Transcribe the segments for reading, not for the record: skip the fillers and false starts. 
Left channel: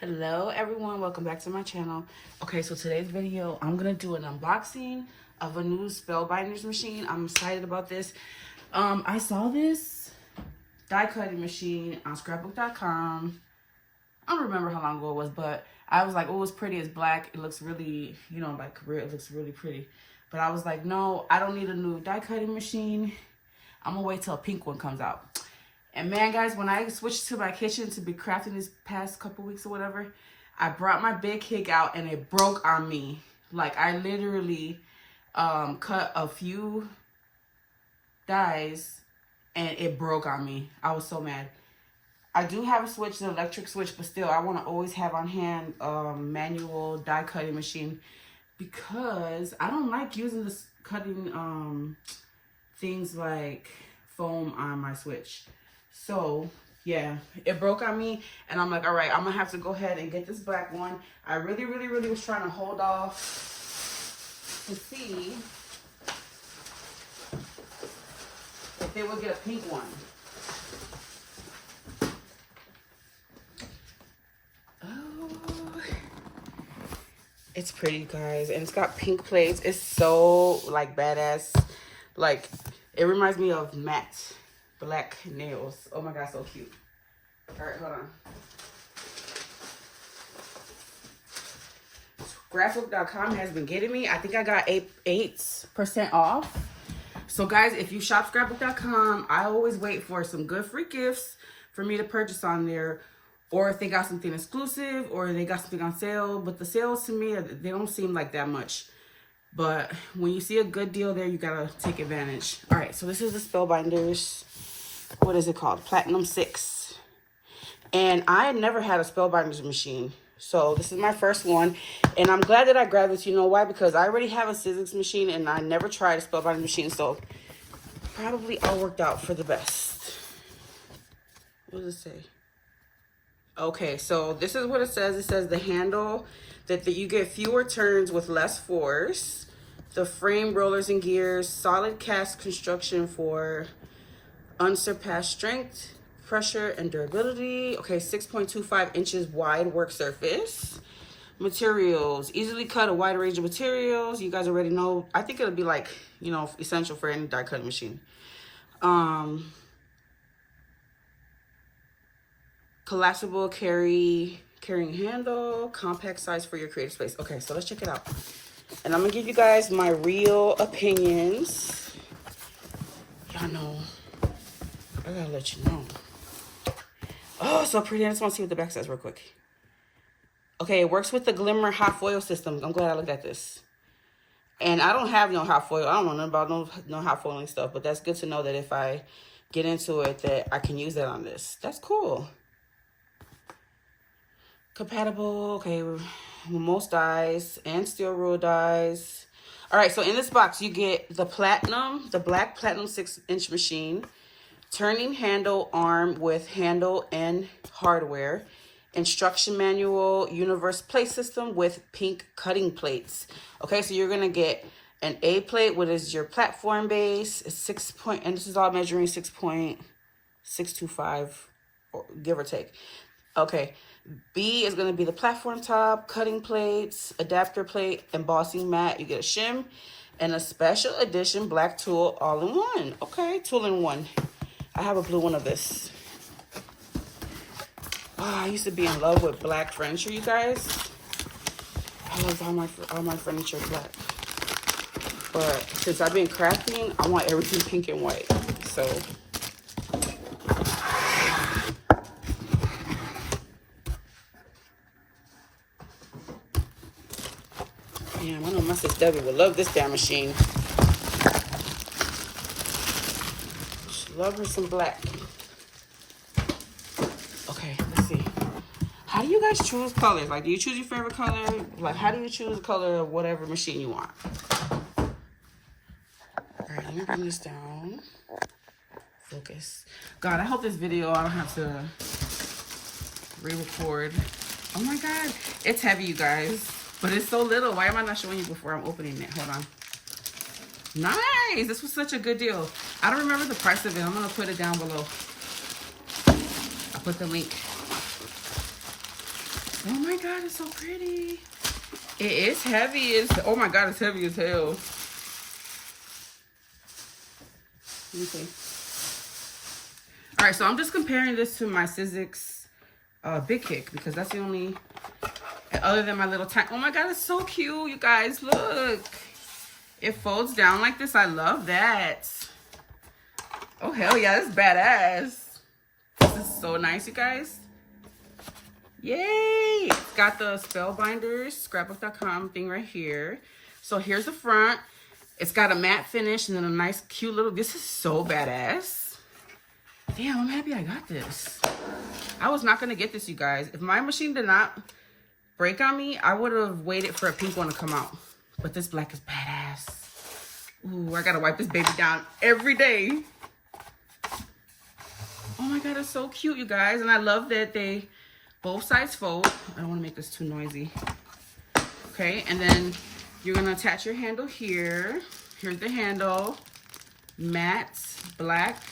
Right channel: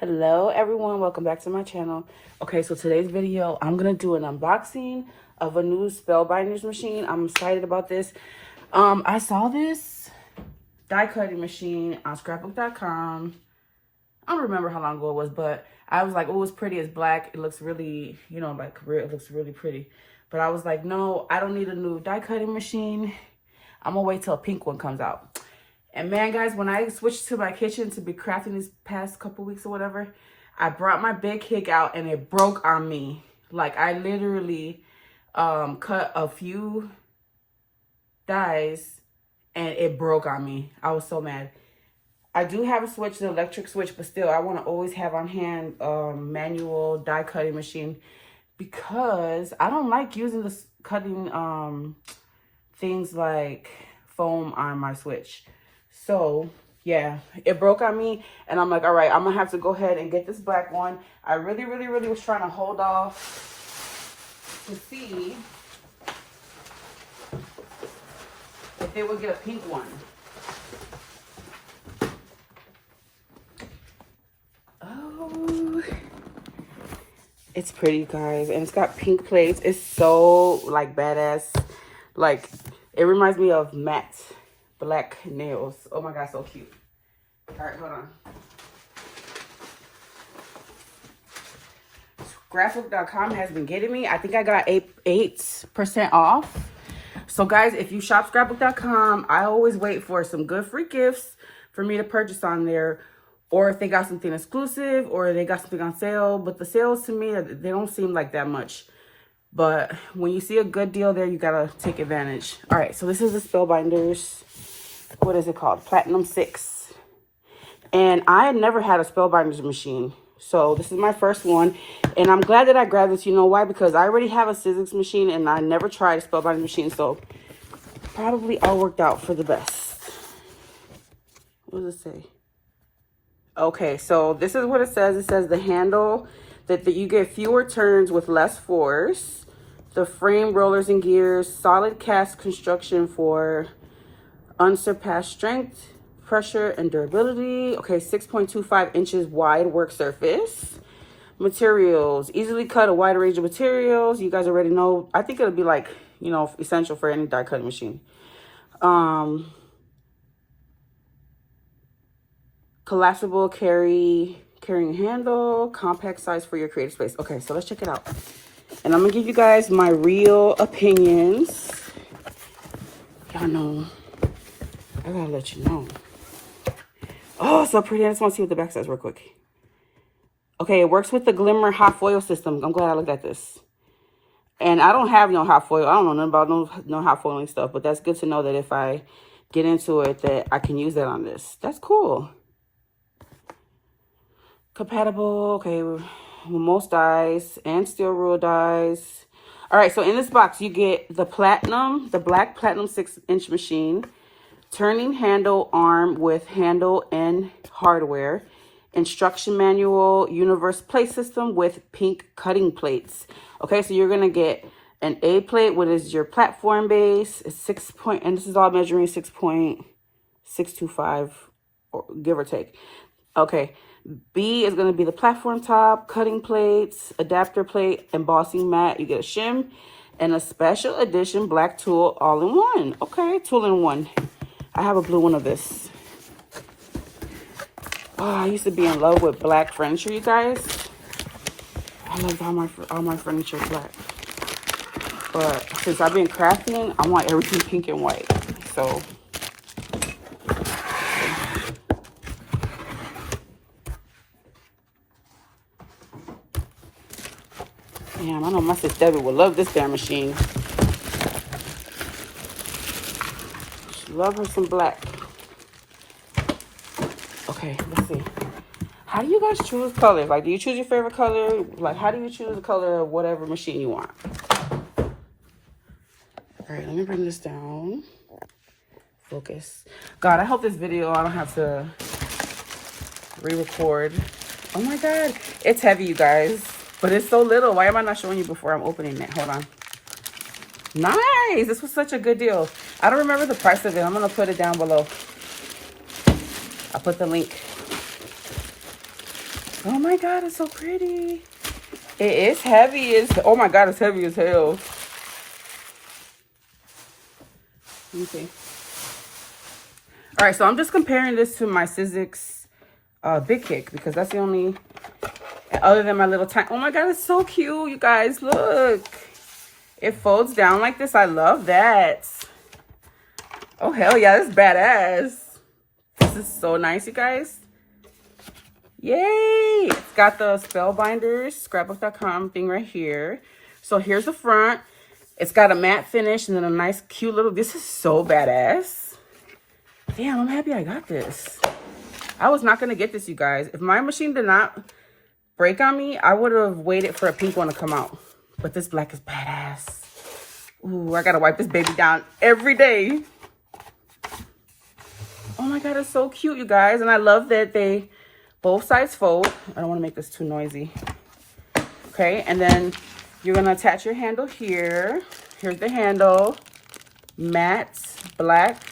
Hello everyone, welcome back to my channel. Okay, so today's video, I'm gonna do an unboxing of a new Spellbinders machine. I'm excited about this. I saw this die cutting machine on scrapbook.com. I don't remember how long ago it was, but I was like, oh, it's pretty, it's black. It looks really, it looks really pretty. But I was like, no, I don't need a new die cutting machine. I'm gonna wait till a pink one comes out. And man, guys, when I switched to my kitchen to be crafting these past couple weeks or whatever, I brought my big kick out and it broke on me. Like, I literally cut a few dies and it broke on me. I was so mad. I do have a switch, the electric switch, but still, I want to always have on hand manual die cutting machine because I don't like using this cutting things like foam on my switch. So yeah, it broke on me and I'm like, all right, I'm gonna have to go ahead and get this black one. I really was trying to hold off to see if they would get a pink one. Oh, it's pretty, guys, and it's got pink plates. It's so like badass. Like, it reminds me of matte black nails. Oh my god, so cute. All right, hold on. Graphic.com has been getting me. I think I got 8% off. So guys, if you shop scrapbook.com, I always wait for some good free gifts for me to purchase on there, or if they got something exclusive or they got something on sale. But the sales to me, they don't seem like that much. But when you see a good deal there, you gotta take advantage. All right, so this is the Spellbinders. What is it called? Platinum 6. And I had never had a Spellbinders machine. So this is my first one. And I'm glad that I grabbed this. You know why? Because I already have a Sizzix machine and I never tried a Spellbinders machine. So probably all worked out for the best. What does it say? Okay, so this is what it says. It says the handle, that you get fewer turns with less force. The frame, rollers, and gears. Solid cast construction for unsurpassed strength, pressure, and durability. Okay, 6.25 inches wide work surface. Materials, easily cut a wide range of materials. You guys already know. I think it'll be like, essential for any die cutting machine. Collapsible carrying handle, compact size for your creative space. Okay, so let's check it out. And I'm gonna give you guys my real opinions. Y'all know, I gotta let you know. Oh, so pretty. I just want to see what the back says real quick. Okay, it works with the Glimmer hot foil system. I'm glad I looked at this. And I don't have no hot foil. I don't know nothing about no hot foiling stuff, but that's good to know that if I get into it, that I can use that on this. That's cool. Compatible, okay, with most dies and steel rule dies. All right, so in this box, you get the black platinum 6-inch machine, turning handle arm with handle and hardware, instruction manual, universe plate system with pink cutting plates. Okay, so you're gonna get an A plate, which is your platform base. It's and this is all measuring 6.625, give or take. Okay. B is going to be the platform top, cutting plates, adapter plate, embossing mat. You get a shim and a special edition black tool all in one. Okay, tool in one. I have a blue one of this. Oh, I used to be in love with black furniture, you guys. I love all my furniture black. But since I've been crafting, I want everything pink and white. So damn, I know my sister Debbie would love this damn machine. She love her some black. Okay, let's see. How do you guys choose colors? Like, do you choose your favorite color? Like, how do you choose the color of whatever machine you want? All right, let me bring this down. Focus. God, I hope this video, I don't have to re-record. Oh my God, it's heavy, you guys. But it's so little. Why am I not showing you before I'm opening it? Hold on. Nice. This was such a good deal. I don't remember the price of it. I'm going to put it down below. I'll put the link. Oh my God, it's so pretty. It is heavy. Oh my God, it's heavy as hell. Let me see. All right, so I'm just comparing this to my Sizzix Big Kick because that's the only, other than my little tank. Oh my God, it's so cute, you guys. Look, it folds down like this. I love that. Oh hell yeah, this is badass. This is so nice, you guys. Yay! It's got the Spellbinders scrapbook.com thing right here. So here's the front. It's got a matte finish and then a nice cute little, this is so badass. Damn, I'm happy I got this. I was not going to get this, you guys. If my machine did not break on me, I would have waited for a pink one to come out. But this black is badass. Ooh, I got to wipe this baby down every day. Oh my God, it's so cute, you guys. And I love that they both sides fold. I don't want to make this too noisy. Okay, and then you're going to attach your handle here. Here's the handle. Matte black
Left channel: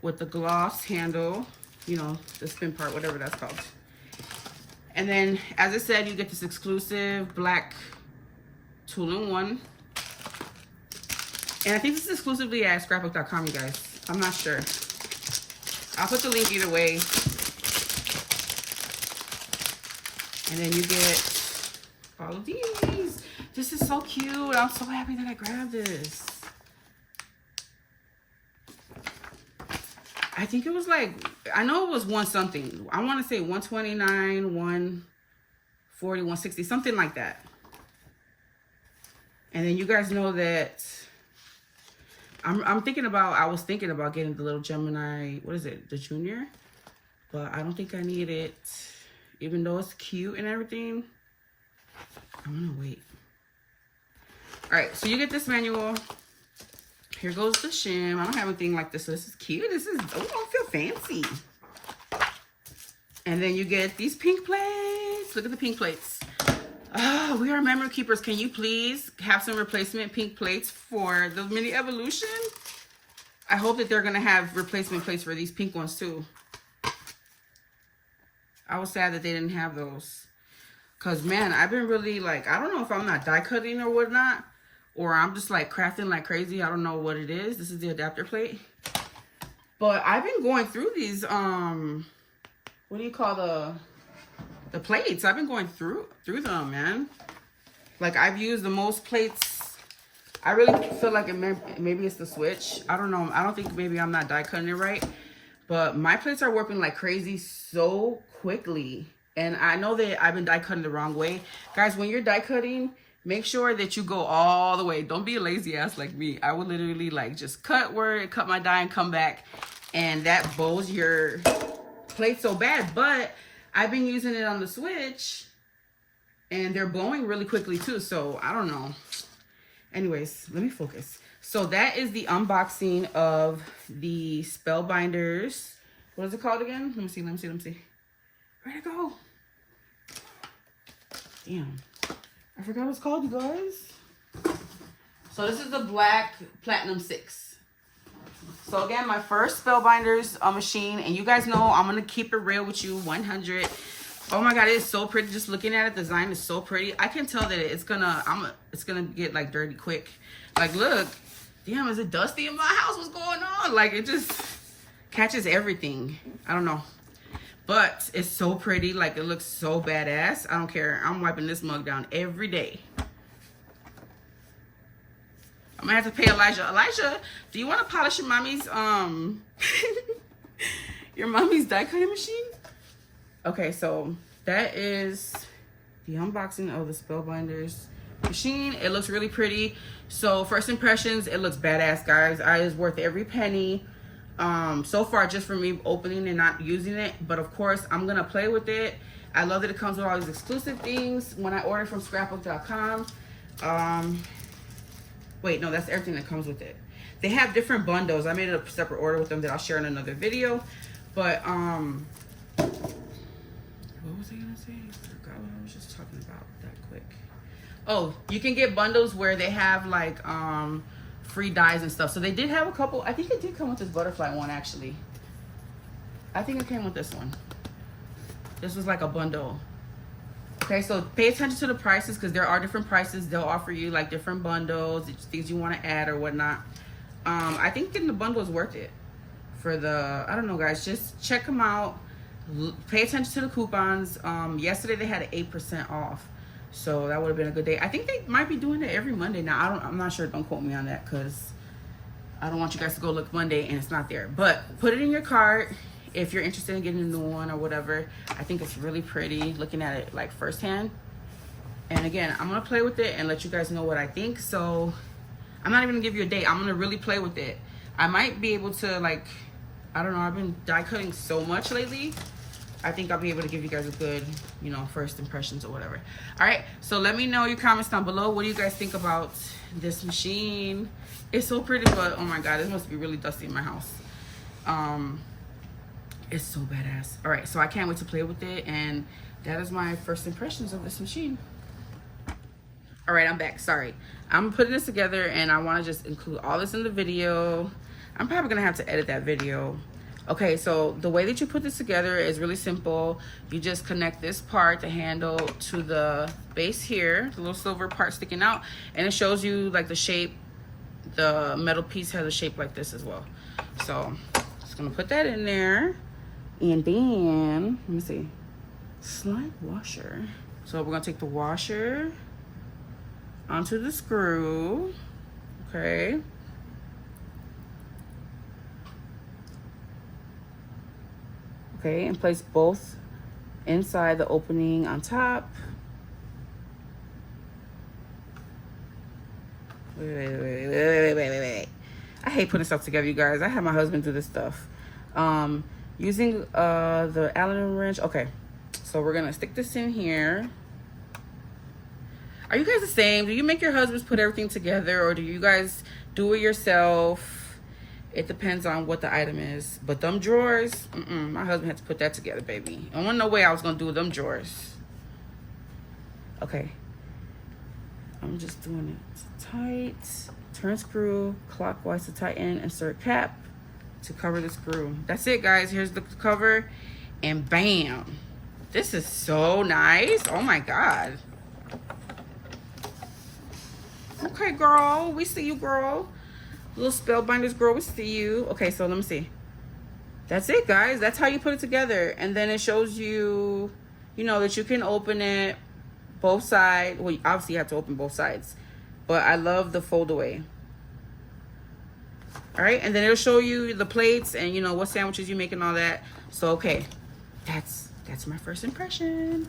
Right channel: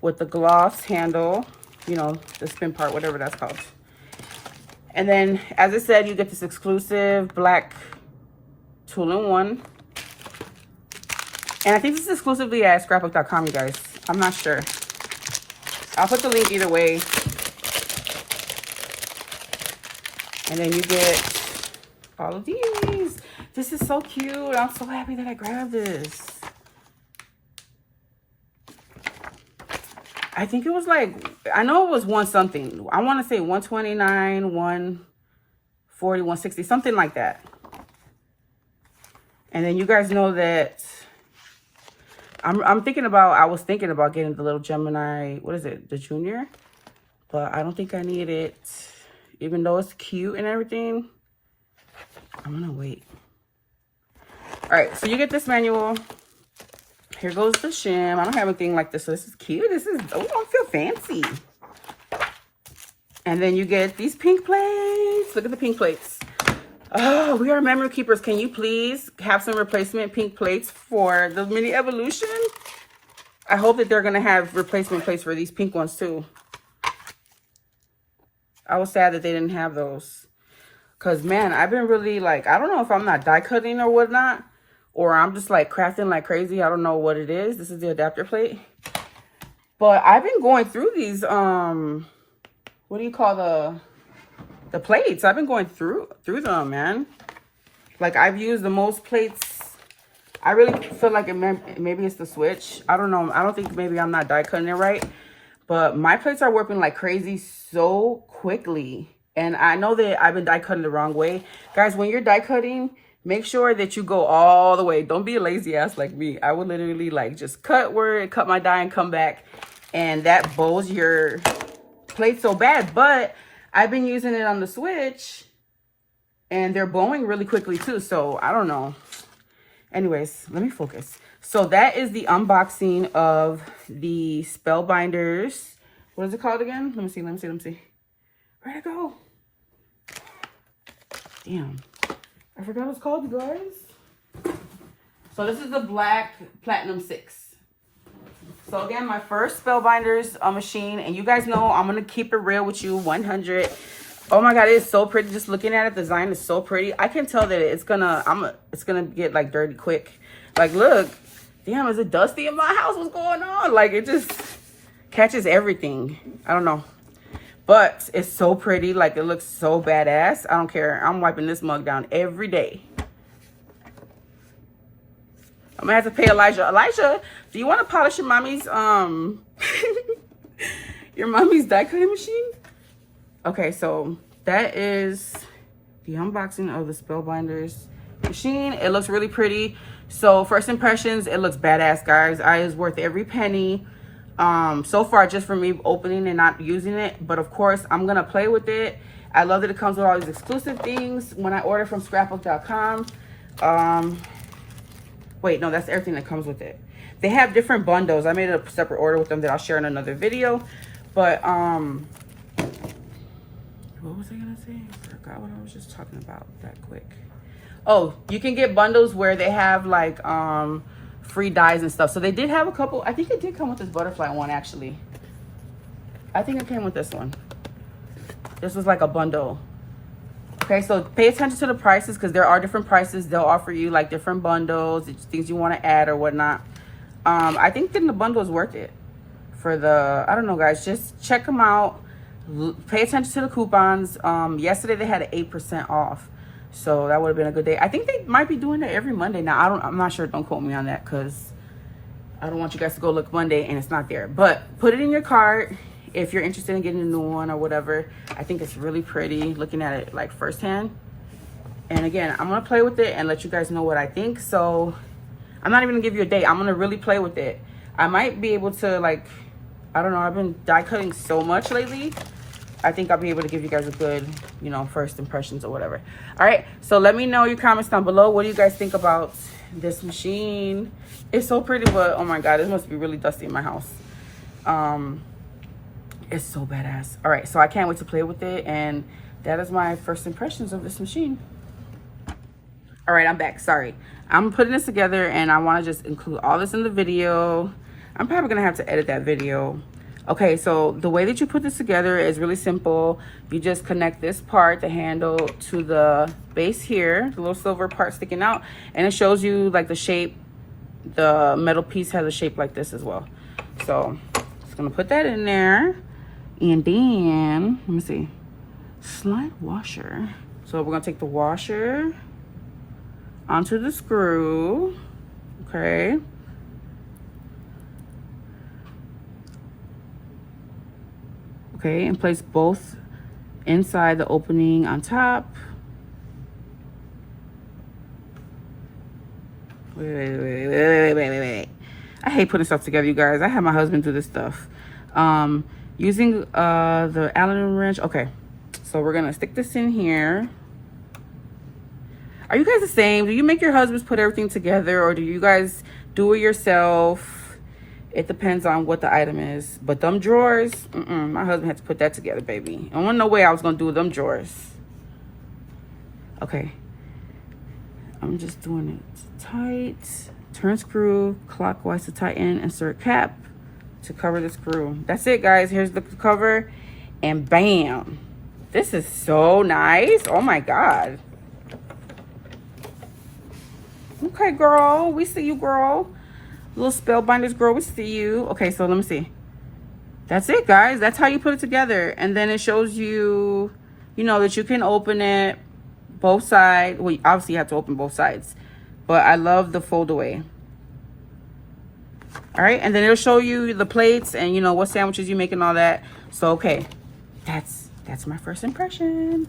with the gloss handle. You know, the spin part, whatever that's called. And then, as I said, you get this exclusive black tool-in-one. And I think this is exclusively at scrapbook.com, you guys. I'm not sure. I'll put the link either way. And then you get all of these. This is so cute. I'm so happy that I grabbed this. I think it was like, I know it was one something. I want to say 129, 140, 160, something like that. And then you guys know that I was thinking about getting the little Gemini, what is it, the Junior? But I don't think I need it. Even though it's cute and everything, I'm gonna wait. All right, so you get this manual. Here goes the shim. I don't have anything like this, so this is cute. This is, oh, I feel fancy. And then you get these pink plates. Look at the pink plates. Oh, we are memory keepers. Can you please have some replacement pink plates for the mini evolution? I hope that they're gonna have replacement plates for these pink ones too. I was sad that they didn't have those. Cause man, I've been really like, I don't know if I'm not die cutting or whatnot, or I'm just like crafting like crazy. I don't know what it is. This is the adapter plate. But I've been going through these, what do you call the plates? I've been going through them, man. Like I've used the most plates. I really feel like maybe it's the switch. I don't know. I don't think maybe I'm not die cutting it right. But my plates are warping like crazy so quickly. And I know that I've been die cutting the wrong way. Guys, when you're die cutting, make sure that you go all the way. Don't be a lazy ass like me. I would literally like just cut my die and come back. And that bows your plate so bad. But I've been using it on the switch. And they're bowing really quickly too. So I don't know. Anyways, let me focus. So that is the unboxing of the Spellbinders. What is it called again? Let me see. Where'd it go? Damn. I forgot what it's called, you guys. So this is the Black Platinum 6. So again, my first Spellbinders machine. And you guys know I'm going to keep it real with you, 100. Oh my God, it is so pretty. Just looking at it, the design is so pretty. I can tell that it's gonna get like dirty quick. Like, look. Damn, is it dusty in my house? What's going on? Like, it just catches everything. I don't know. But it's so pretty. Like, it looks so badass. I don't care. I'm wiping this mug down every day. I'm gonna have to pay Elijah. Elijah, do you want to polish your mommy's your mommy's die cutting machine? Okay, so that is the unboxing of the Spellbinders machine. It looks really pretty. So first impressions, it looks badass, guys. It's worth every penny. So far, just for me opening and not using it. But of course, I'm gonna play with it. I love that it comes with all these exclusive things when I order from scrapbook.com. Wait, no, that's everything that comes with it. They have different bundles. I made a separate order with them that I'll share in another video. But what was I gonna say? I forgot what I was just talking about that quick. Oh, you can get bundles where they have like free dies and stuff. So they did have a couple. I think it did come with this butterfly one, actually. I think it came with this one. This was like a bundle. Okay, so pay attention to the prices because there are different prices. They'll offer you like different bundles, things you want to add or whatnot. I think getting the bundle is worth it for the, I don't know guys, just check them out. Pay attention to the coupons. Yesterday they had an 8% off. So that would have been a good day. I think they might be doing it every Monday. Now, I'm not sure. Don't quote me on that because I don't want you guys to go look Monday and it's not there. But put it in your cart if you're interested in getting a new one or whatever. I think it's really pretty looking at it like firsthand. And again, I'm going to play with it and let you guys know what I think. So I'm not even going to give you a date. I'm going to really play with it. I might be able to like, I don't know. I've been die cutting so much lately. I think I'll be able to give you guys a good, you know, first impressions or whatever. All right, so let me know your comments down below. What do you guys think about this machine? It's so pretty, but oh my God, it must be really dusty in my house. It's so badass. All right, so I can't wait to play with it, and that is my first impressions of this machine. All right, I'm back, sorry. I'm putting this together, and I wanna just include all this in the video. I'm probably gonna have to edit that video. Okay, so the way that you put this together is really simple. You just connect this part, the handle, to the base here, the little silver part sticking out, and it shows you like the shape. The metal piece has a shape like this as well. So just gonna put that in there, and then let me see, slide washer. So we're gonna take the washer onto the screw. Okay. Okay, and place both inside the opening on top. Wait. I hate putting stuff together, you guys. I have my husband do this stuff. Using the Allen wrench. Okay, so we're gonna stick this in here. Are you guys the same? Do you make your husbands put everything together, or do you guys do it yourself? It depends on what the item is. But them drawers, my husband had to put that together, baby. I don't know way I was gonna do them drawers. Okay. I'm just doing it tight. Turn screw clockwise to tighten. Insert cap to cover the screw. That's it, guys. Here's the cover. And bam. This is so nice. Oh my God. Okay, girl. We see you, girl. Little Spellbinders girl, we see you. Okay, so let me see. That's it, guys. That's how you put it together. And then it shows you, you know, that you can open it both sides. Well, obviously you have to open both sides. But I love the fold away. All right, and then it'll show you the plates and, you know, what sandwiches you make and all that. So, okay, that's my first impression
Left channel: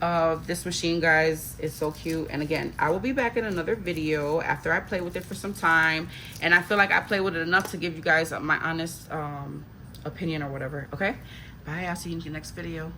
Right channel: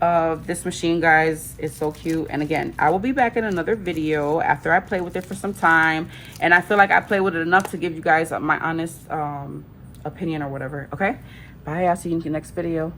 of this machine, guys. It's so cute. And again, I will be back in another video after I play with it for some time, and I feel like I play with it enough to give you guys my honest opinion or whatever. Okay, bye. I'll see you in the next video.